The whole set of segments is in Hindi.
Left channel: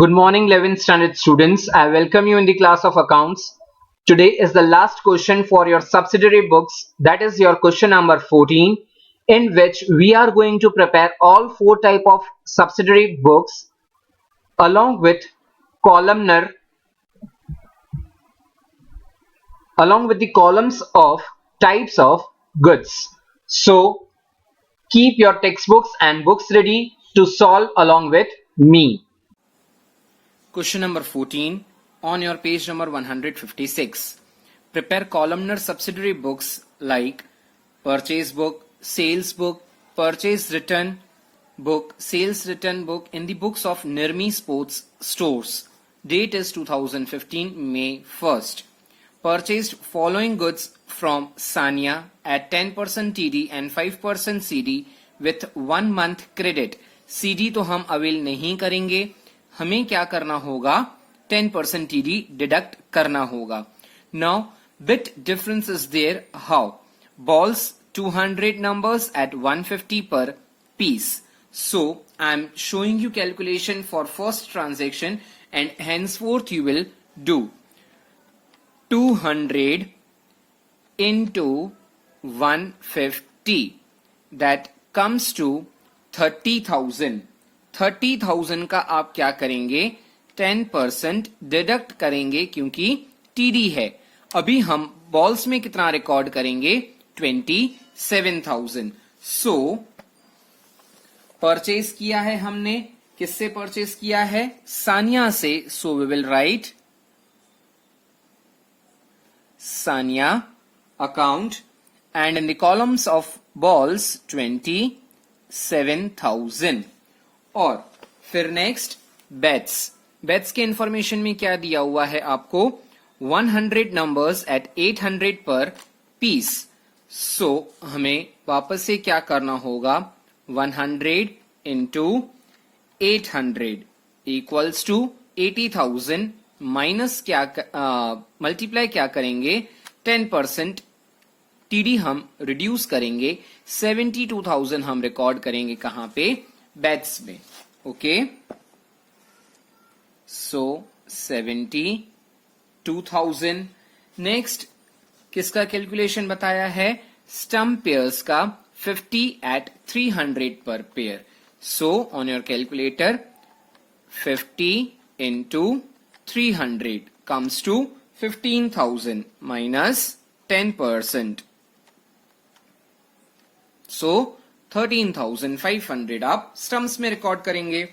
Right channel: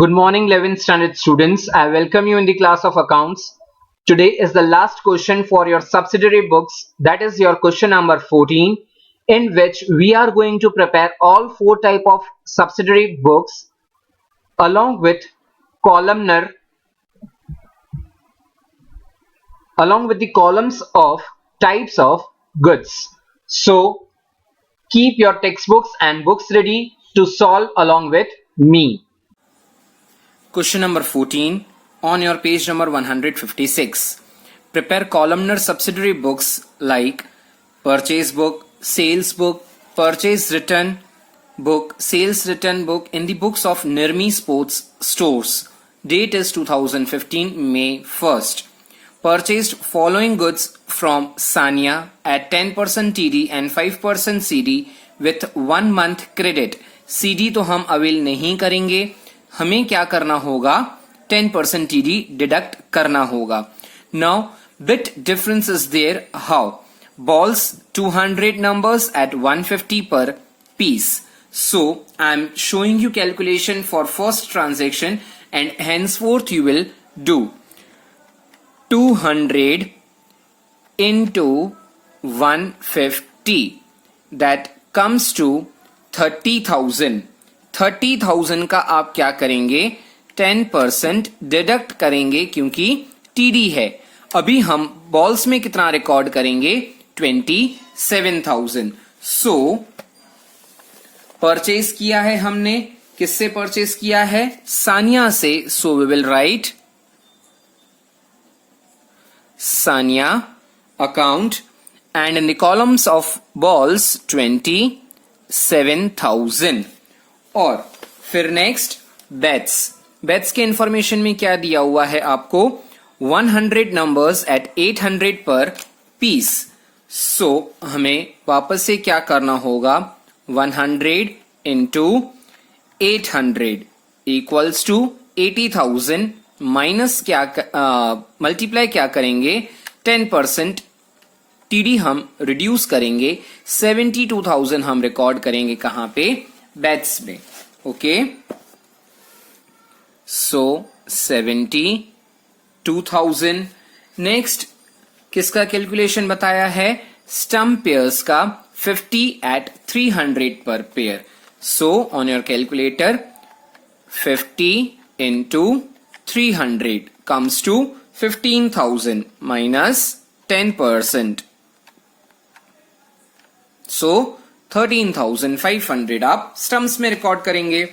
Good morning, 11th standard students. I welcome you in the class of accounts. Today is the last question for your subsidiary books, that is your question number 14, in which we are going to prepare all four type of subsidiary books along with columnar, along with the columns of types of goods. So keep your textbooks and books ready to solve along with me. Question number 14 on your page number 156. Prepare columnar subsidiary books like purchase book, sales book, purchase return book, sales return book in the books of Nirmi Sports Stores. Date is 2015 May 1st. Purchased following goods from Sanya at 10% TD and 5% CD with 1 month credit. CD तो हम अवेल नहीं करेंगे, हमें क्या करना होगा 10% TD डिडक्ट करना होगा. Now bit difference is there. How? Balls 200 numbers at 150 per piece. So I am showing you calculation for first transaction and henceforth you will do 200 into 150, that comes to 30,000. 30,000 का आप क्या करेंगे 10% डिडक्ट करेंगे क्योंकि टीडी है. अभी हम बॉल्स में कितना रिकॉर्ड करेंगे 27,000. सो परचेज किया है हमने, किससे परचेज किया है सानिया से. So we will write Sanya account and in the columns of balls 27,000. और फिर नेक्स्ट बेट्स के इंफॉर्मेशन में क्या दिया हुआ है आपको 100 नंबर्स एट 800 पर पीस. सो हमें वापस से क्या करना होगा 100 इंटू 800 इक्वल्स टू 80,000 माइनस क्या मल्टीप्लाई क्या करेंगे 10% टीडी हम रिड्यूस करेंगे 72,000 हम रिकॉर्ड करेंगे कहां पे बेट्स में. Okay so 72,000. नेक्स्ट किसका कैलकुलेशन बताया है स्टम्प पेयर्स का 50 एट 300 पर pair. So on your calculator 50 into 300 comes to 15,000 minus 10%. So 13,500 आप स्टम्प्स में रिकॉर्ड करेंगे.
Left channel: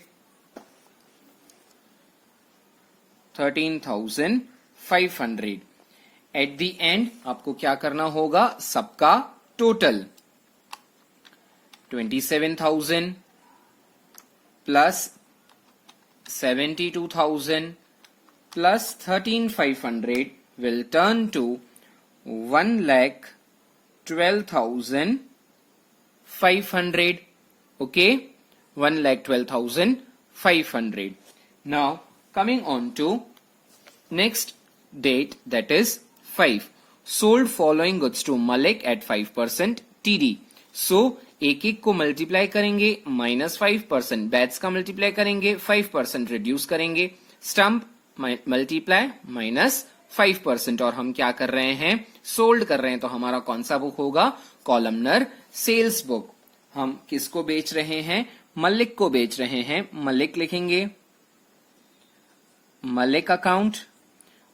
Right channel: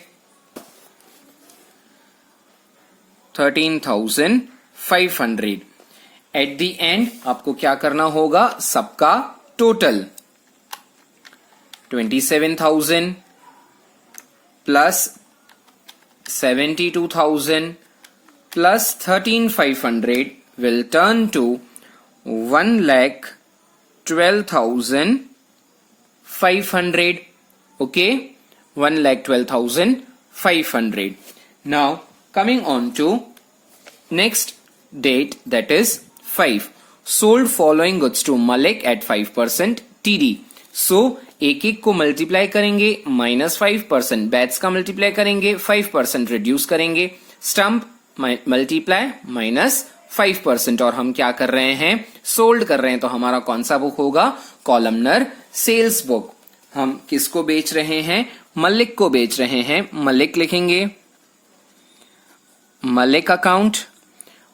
13,500 एट द एंड आपको क्या करना होगा सबका total 27,000 plus 72,000 plus 13,500 will turn to 1,12,500. Okay, 1,12,500. Now coming on to next date, that is 5. Sold following goods to Malik at 5% TD. So एक एक को मल्टीप्लाई करेंगे -5%, बैट्स का मल्टीप्लाई करेंगे 5% रिड्यूस करेंगे, स्टम्प मल्टीप्लाई -5%. और हम क्या कर रहे हैं सोल्ड कर रहे हैं, तो हमारा कौन सा बुक होगा कॉलमनर सेल्स बुक. हम किसको बेच रहे हैं मलिक को बेच रहे हैं. मलिक लिखेंगे मलिक अकाउंट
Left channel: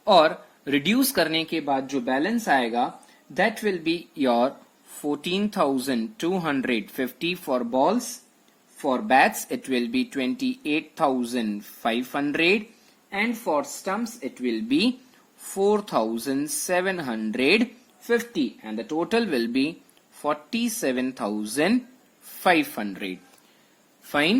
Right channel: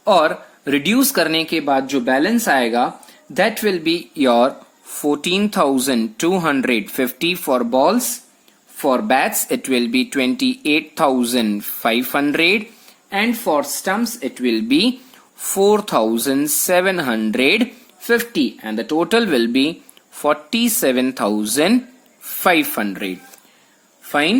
और रिड्यूस करने के बाद जो बैलेंस आएगा that will be your 14,250 for balls. For bats it will B 28,500 and for stumps it will be 4,750 and the total will be 47,500. Fine.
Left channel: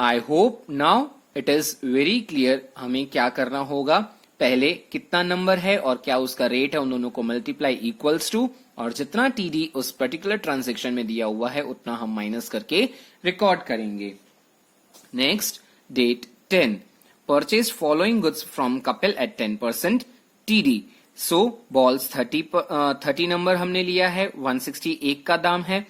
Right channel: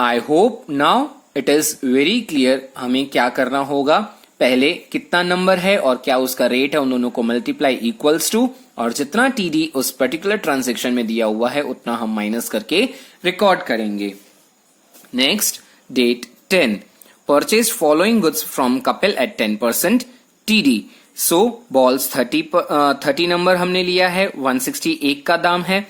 I hope now it is very clear हमें क्या करना होगा. पहले कितना नंबर है और क्या उसका रेट है उन दोनों को मल्टीप्लाई इक्वल्स टू, और जितना टीडी उस पर्टिकुलर ट्रांजेक्शन में दिया हुआ है उतना हम माइनस करके रिकॉर्ड करेंगे. Next date 10. Purchased following goods from Kapil at 10% TD. So balls 30 number हमने लिया है, 161 का दाम है.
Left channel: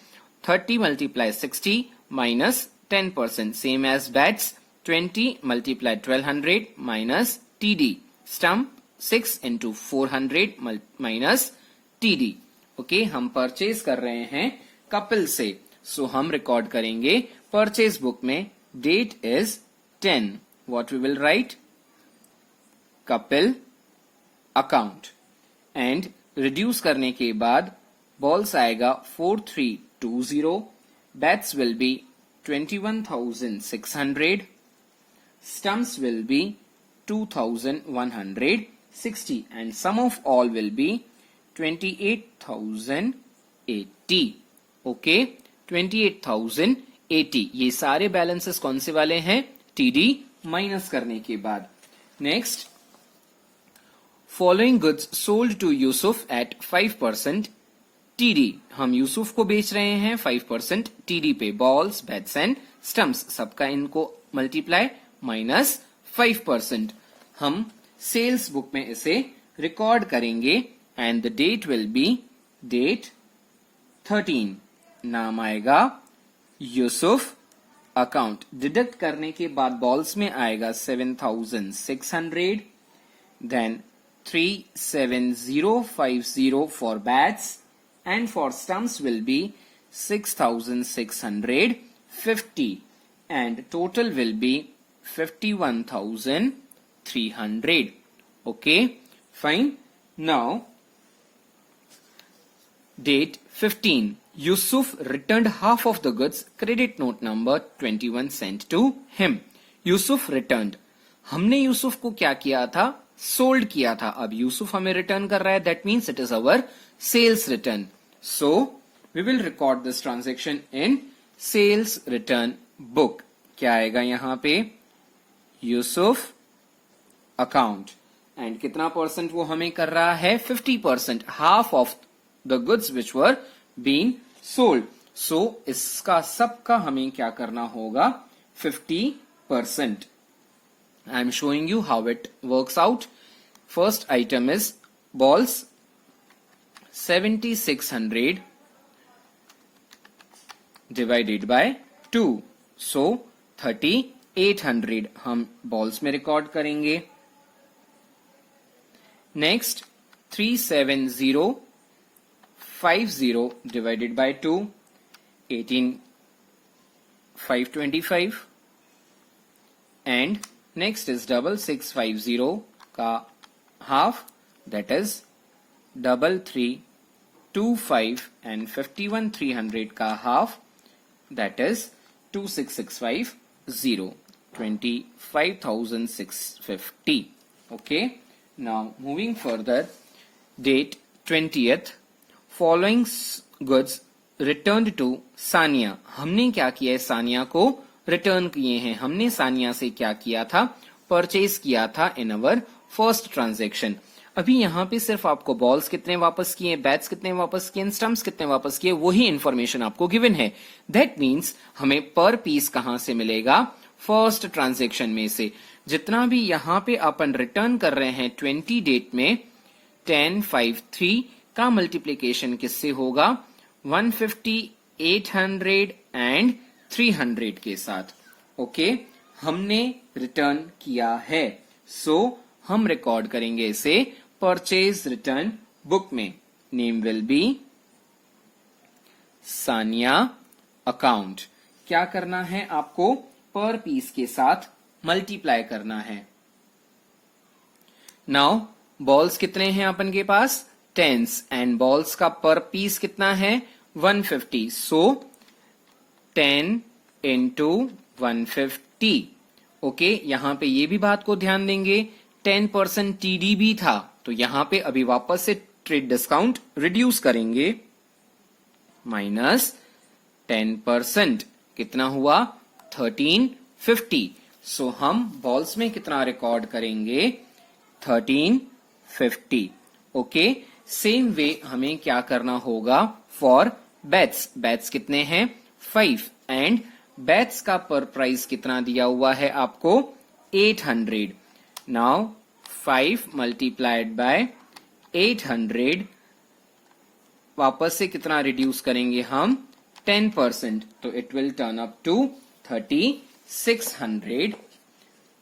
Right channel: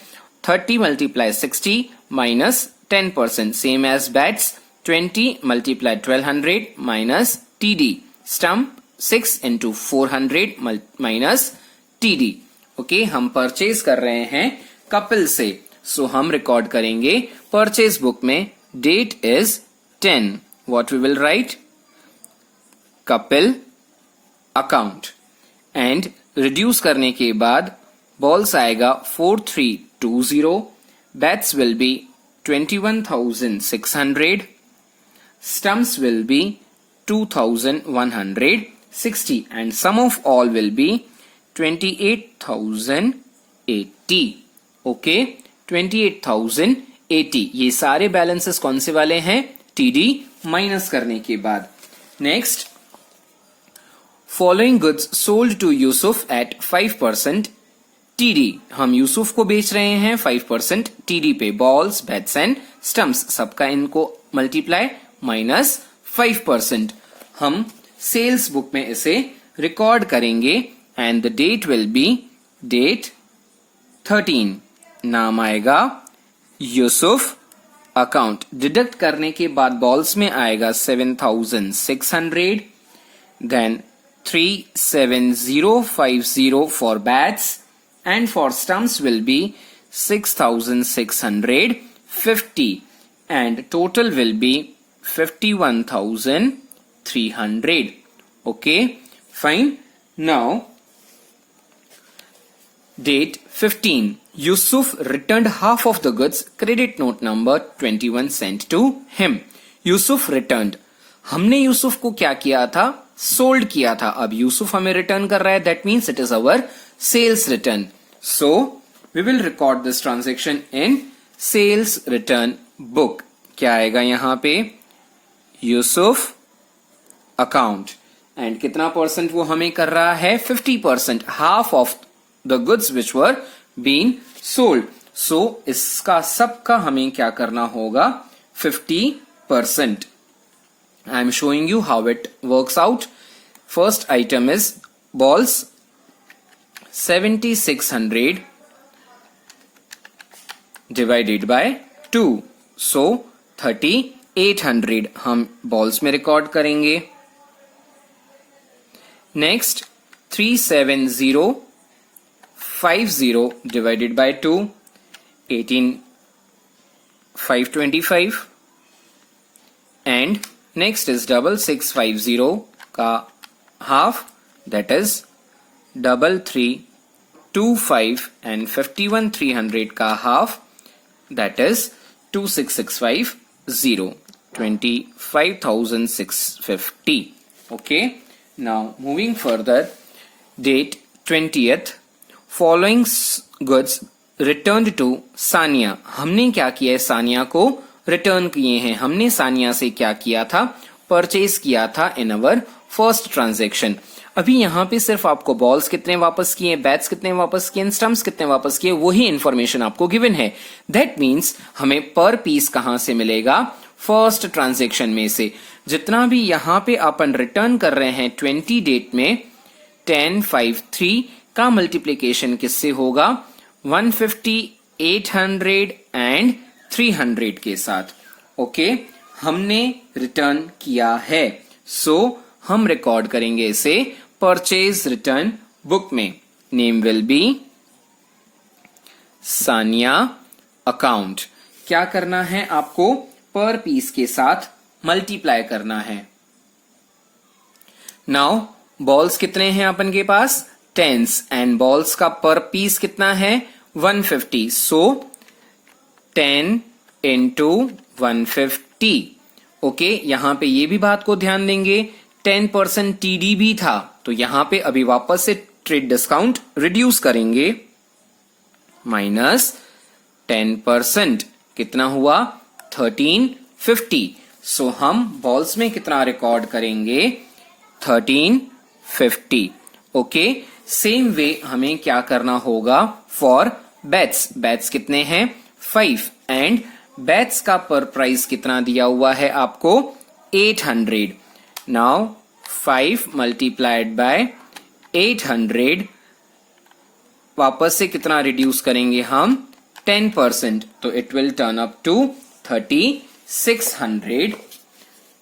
30 multiply 60 minus 10%, same as bats 20 multiplied 1200 minus TD. Stump 6 into 400 minus TD. Okay, हम परचेज कर रहे हैं कपिल से, सो हम रिकॉर्ड करेंगे परचेज बुक में date is 10. What we will write? Kapil account. And reduce करने के बाद बॉल्स आएगा 4320. Bats will be 21,600. Stumps will be 2,160 and sum of all will be 28,080. Okay, 28,080. ये सारे बैलेंसेस कौन से वाले हैं? टीडी माइनस करने के बाद. Next, following goods sold to Yusuf at 5% TD. हम यूसुफ को बेच रहे हैं 5% टीडी पे. बॉल्स, बैट्स एंड स्टम्प्स सबका इनको मल्टीप्लाई माइनस 5%. हम सेल्स बुक में इसे रिकॉर्ड करेंगे and the date will be date 13. नाम आएगा यूसुफ अकाउंट. डिडक्ट करने के बाद बॉल्स में आएगा 7,600. Then 37050 for bats and for stumps will be 6,650 and total will be 51,300. Okay, fine. Now date 15. Yusuf returned half of the goods. Credit note number 21 sent to him. Yusuf returned. हमने यूसुफ को क्या किया था? सोल्ड किया था. अब यूसुफ हमें रिटर्न कर रहा है, that means it is our sales return. So we will record this transaction in sales return book. क्या आएगा यहाँ पे? यूसुफ अकाउंट. एंड कितना परसेंट वो हमें कर रहा है? 50%. Half of the goods which were been sold. So इसका सबका हमें क्या करना होगा? 50%. I am showing you how it works out. First item is balls 7,600 divided by 2. So 3,800 हम बॉल्स में रिकॉर्ड करेंगे. Next 37050 divided by 2, 18,525. And next is 6650 का half, that is 3325 and 51,300 का half, that is 26,650, 25,650. Okay, now moving further, date 20th. Following goods returned to Sania. हमने क्या किया है? सानिया को रिटर्न किए हैं. हमने सानिया से क्या किया था? परचेज किया था इन अवर फर्स्ट ट्रांजेक्शन. अभी यहाँ पे सिर्फ आपको बॉल्स कितने वापस किए, बैट्स कितने वापस किए, स्टम्प्स कितने वापस किए, वही इंफॉर्मेशन आपको गिवन है. दैट मीन्स हमें पर पीस कहां से मिलेगा? फर्स्ट ट्रांजेक्शन में से. जितना भी यहाँ पे अपन रिटर्न कर रहे हैं 20 डेट में, 1053 का मल्टीप्लीकेशन किससे होगा? 150, 800 एंड 300 के साथ. ओके, हमने रिटर्न किया है. सो हम रिकॉर्ड करेंगे इसे परचेज रिटर्न बुक में. Name will be Sania account. क्या करना है आपको? पर पीस के साथ मल्टीप्लाई करना है. नाउ बॉल्स कितने हैं अपन के पास? टेंस. एंड बॉल्स का पर पीस कितना है? 150. सो 10 into 150. ओके, यहां पे ये भी बात को ध्यान देंगे, 10% टीडी भी था, तो यहां पे अभी वापस से ट्रेड डिस्काउंट रिड्यूस करेंगे. माइनस 10% कितना हुआ? 1350. सो हम बॉल्स में कितना रिकॉर्ड करेंगे? 1350. ओके, सेम वे हमें क्या करना होगा फॉर बैट्स. बैट्स कितने हैं? 5. एंड बैट्स का पर प्राइस कितना दिया हुआ है आपको? 800. नाउ 5 multiplied by 800, वापस से कितना रिड्यूस करेंगे हम? 10%. तो it will turn up to 3600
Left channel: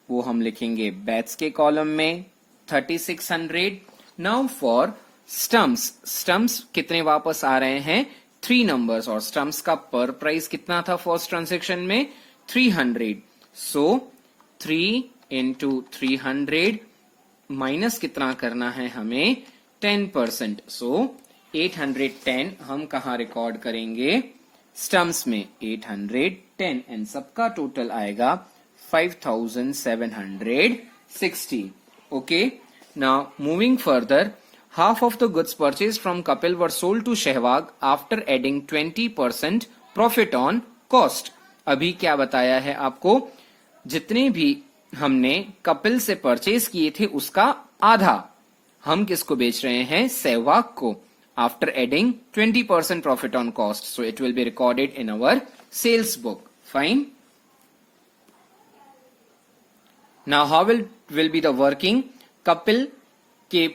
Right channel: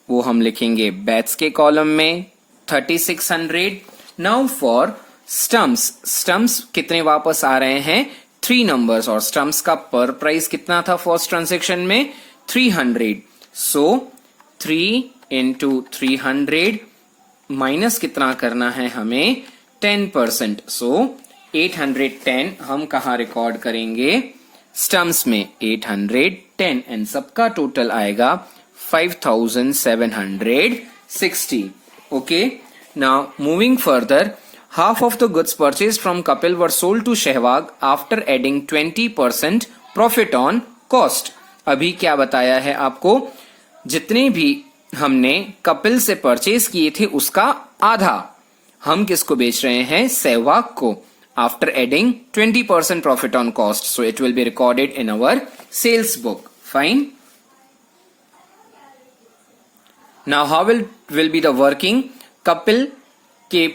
वो हम लिखेंगे बैट्स के कॉलम में 3600। नाउ फॉर स्टम्प्स, स्टम्प्स कितने वापस आ रहे हैं 3 नंबर्स, और स्टम्प्स का पर प्राइस कितना था फर्स्ट ट्रांजेक्शन में 300। सो 3 इंटू 300 माइनस कितना करना है हमें 10%। सो 810 हम कहा रिकॉर्ड करेंगे स्टम्प्स में 810, एंड सबका टोटल आएगा 5760। Okay, now moving further, half of the goods purchased from Kapil were sold to Sehwag after adding 20% profit on cost। अभी क्या बताया है आपको, जितने भी हमने कपिल से परचेज किए थे उसका आधा हम किसको बेच रहे हैं, सहवाग को, after adding 20% profit on cost. So it will be recorded in our sales book. Fine. Now how will be the working, Kapil के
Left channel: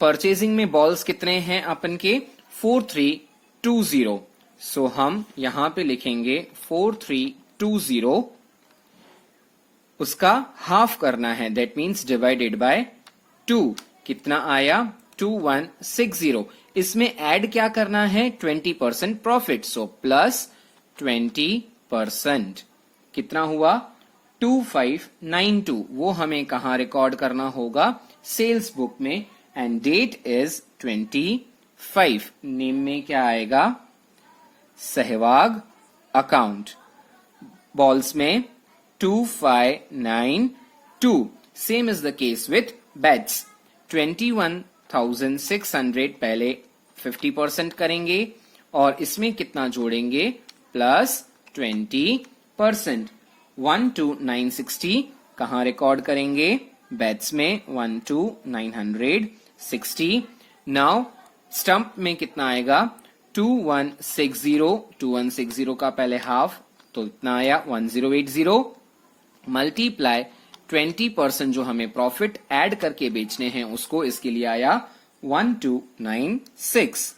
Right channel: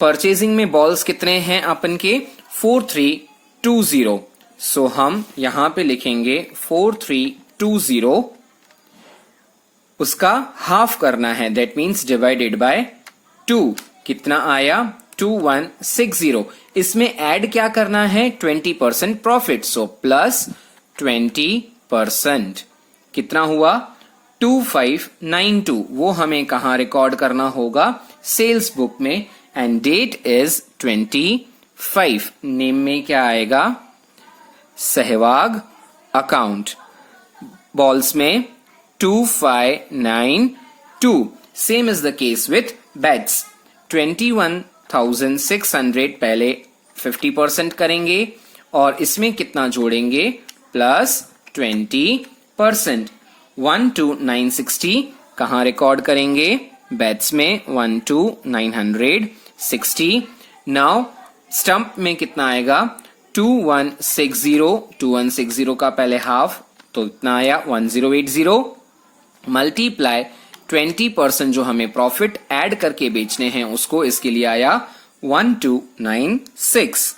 परचेजिंग में बॉल्स कितने हैं अपन के 4320। सो हम यहां पे लिखेंगे 4320, उसका हाफ करना है, दैट मीन्स डिवाइडेड बाय 2। कितना आया 2160। इसमें ऐड क्या करना है 20% प्रॉफिट, सो प्लस 20%। कितना हुआ 2592। वो हमें कहां रिकॉर्ड करना होगा, सेल्स बुक में, एंड डेट इज 25। नेम में क्या आएगा, सहवाग अकाउंट। बॉल्स में 2592। Same is the case with bats. 21,600 पहले 50% करेंगे और इसमें कितना जोड़ेंगे प्लस 20%। 12960 कहां रिकॉर्ड करेंगे, बेट्स में 12960। नाउ स्टंप में कितना आएगा 2160 का पहले हाफ, तो इतना आया 1080 मल्टीप्लाई 20% जो हमें प्रॉफिट ऐड करके बेचने हैं उसको, इसके लिए आया 1296,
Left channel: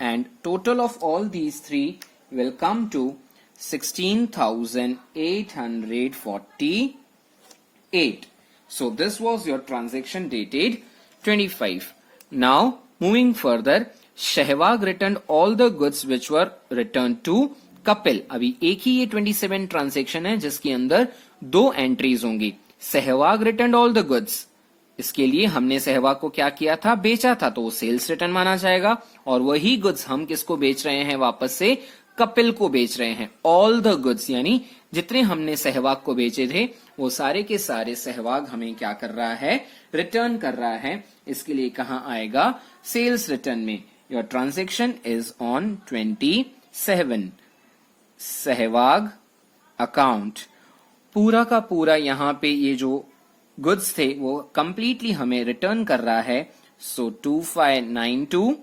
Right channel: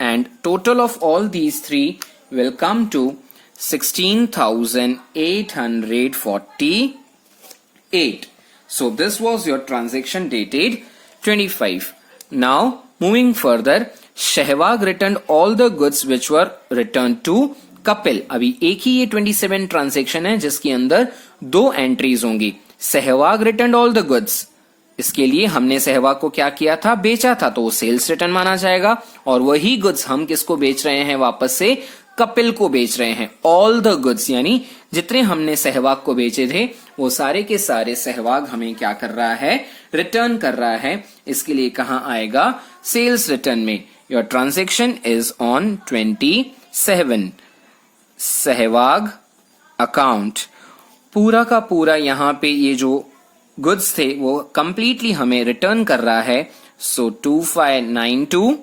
and total of all these three will come to 16,848. So this was your transaction dated 25. Now moving further, Sehwag returned all the goods which were returned to Kapil. अभी एक ही ये 27 ट्रांजेक्शन है जिसके अंदर 2 एंट्रीज होंगी। Sehwag return all the goods, इसके लिए हमने सहवाग को क्या किया था, बेचा था, तो वो सेल्स रिटर्न माना जाएगा। और वही गुड्स हम किसको बेच रहे हैं, वापस से कपिल को बेच रहे हैं। ऑल द गुड्स यानी जितने हमने सहवाग को बेचे थे वो सारे के सारे सहवाग हमें क्या कर रहा है, रिटर्न कर रहा है। इसके लिए कहां आएगा, सेल्स रिटर्न में। Your transaction is on 27, Sehwag account. पूरा का पूरा यहाँ पे ये जो गुड्स थे वो कंप्लीटली हमें रिटर्न कर रहा है। सो 2592,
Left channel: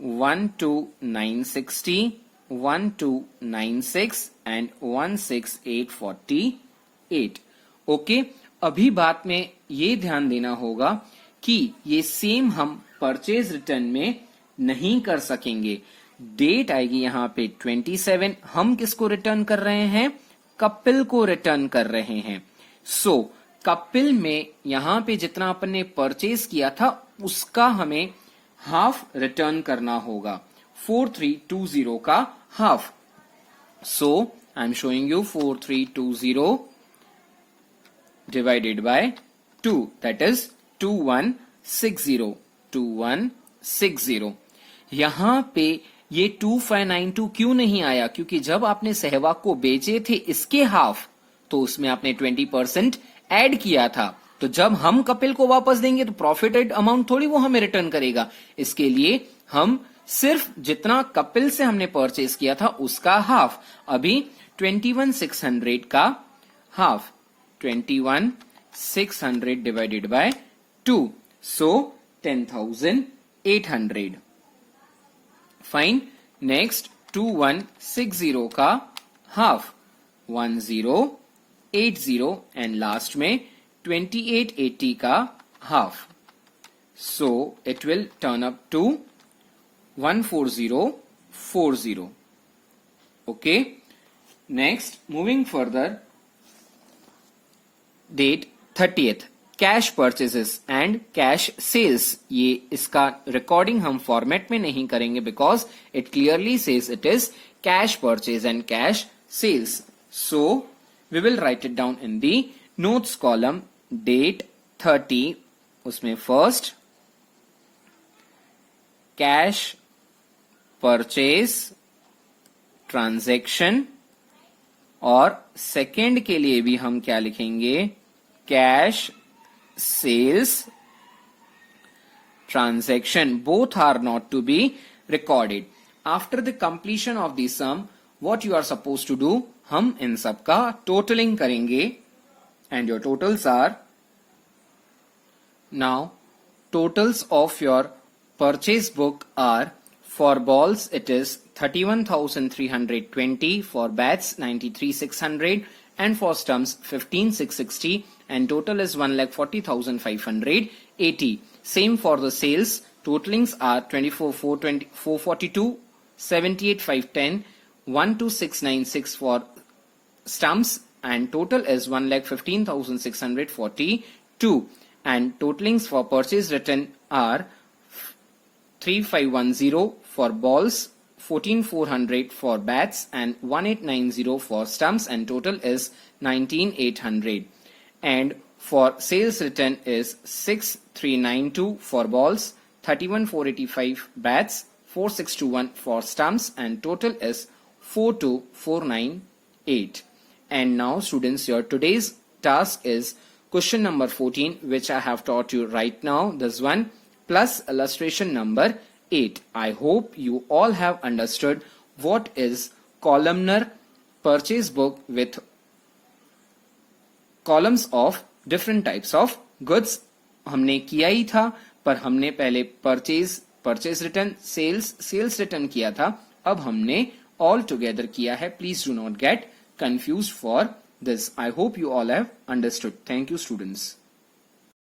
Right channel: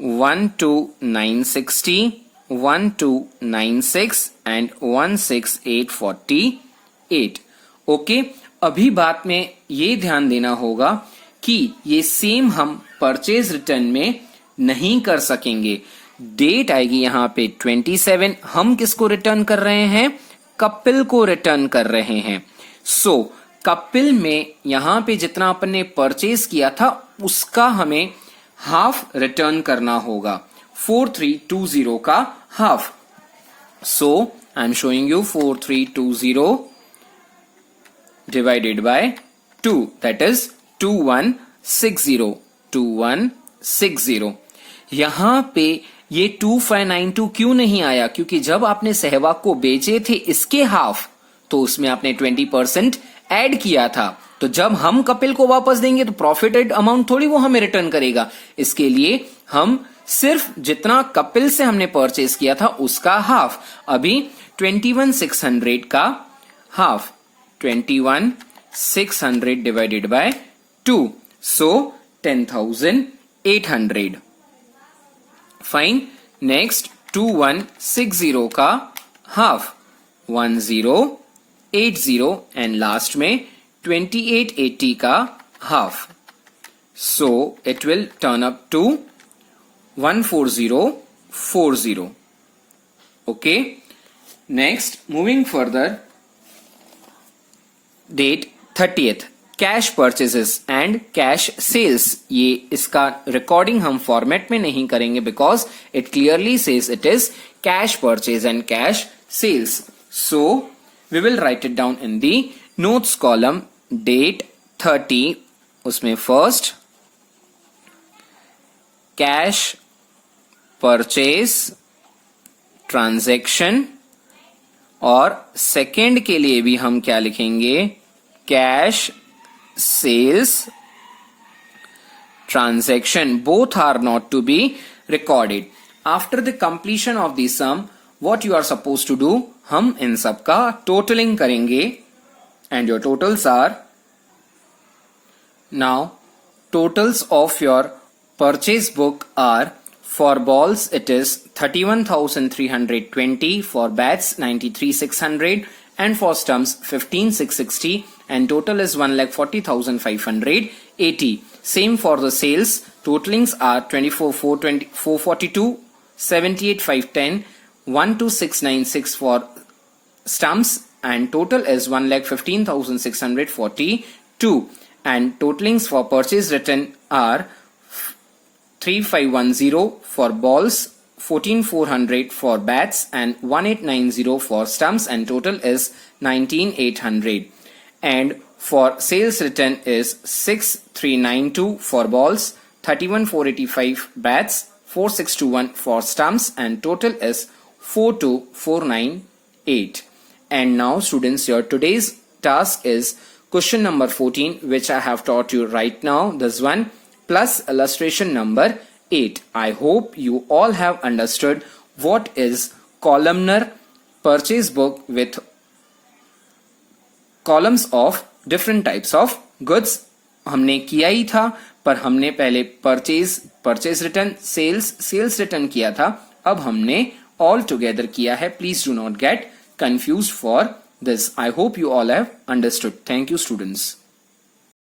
12960, 1296 एंड 16848। ओके, अभी बात में ये ध्यान देना होगा कि ये सेम हम परचेज रिटर्न में नहीं कर सकेंगे। डेट आएगी यहाँ पे 27, हम किसको रिटर्न कर रहे हैं, कपिल को रिटर्न कर रहे हैं। सो कपिल में यहां पे जितना अपन ने परचेज किया था उसका हमें हाफ रिटर्न करना होगा, 4320 का half. So I am showing you 4320 divided by 2, that is 2160। यहां पे ये 2592 क्यों नहीं आया, क्योंकि जब आपने सहवाग को बेचे थे इसके हाफ, तो उसमें आपने 20% ऐड किया था। तो जब हम कपिल को वापस देंगे तो प्रॉफिटेड अमाउंट थोड़ी वो हमें रिटर्न करेगा। इसके लिए हम सिर्फ जितना कपिल से हमने परचेज किया था उसका हाफ। अभी 21,600 का half, 21,600 divided by 2, so 10,800। Fine. Next 2160 का हाफ, 1080, एंड लास्ट में 2880 का half. So it will turn up to 14040। Okay, next moving further, date 30th, cash purchases and cash sales. ये इसका रिकॉर्डिंग हम फॉर्मेट में नहीं करेंगे because it clearly says it is cash purchase and cash sales. So we will write it down in the notes column. Date 30, उसमें फर्स्ट कैश परचेज ट्रांजैक्शन और सेकेंड के लिए भी हम क्या लिखेंगे, cash sales transaction. Both are not to be recorded. After the completion of the sum, what you are supposed to do, हम इन सब का totaling करेंगे and your totals are, now totals of your purchase book are, for balls it is 31,320, for bats 93,600 and for stumps 15,660 and total is 1,40,580. Same for the sales. Totalings are 24,442, 78,510, 12,696 for stumps and total is 1,15,642 and totalings for purchase return are 3,510 for balls, 14,400 for bats and 1,890 for stumps and total is 19,800. And for sales return is 6,392 for balls, 31,485 bats, 4,621 for stumps and total is 4,2,498. And now students, your today's task is question number 14, which I have taught you right now, this one, plus illustration number 8. I hope you all have understood what is columnar purchase book with columns of different types of goods. हमने किया ही था, पर हमने पहले परचेज रिटर्न, सेल्स रिटर्न किया था. अब हमने ऑल टुगेदर किया है. Please do not gate confused for this. I hope you all have understood. Thank you, students.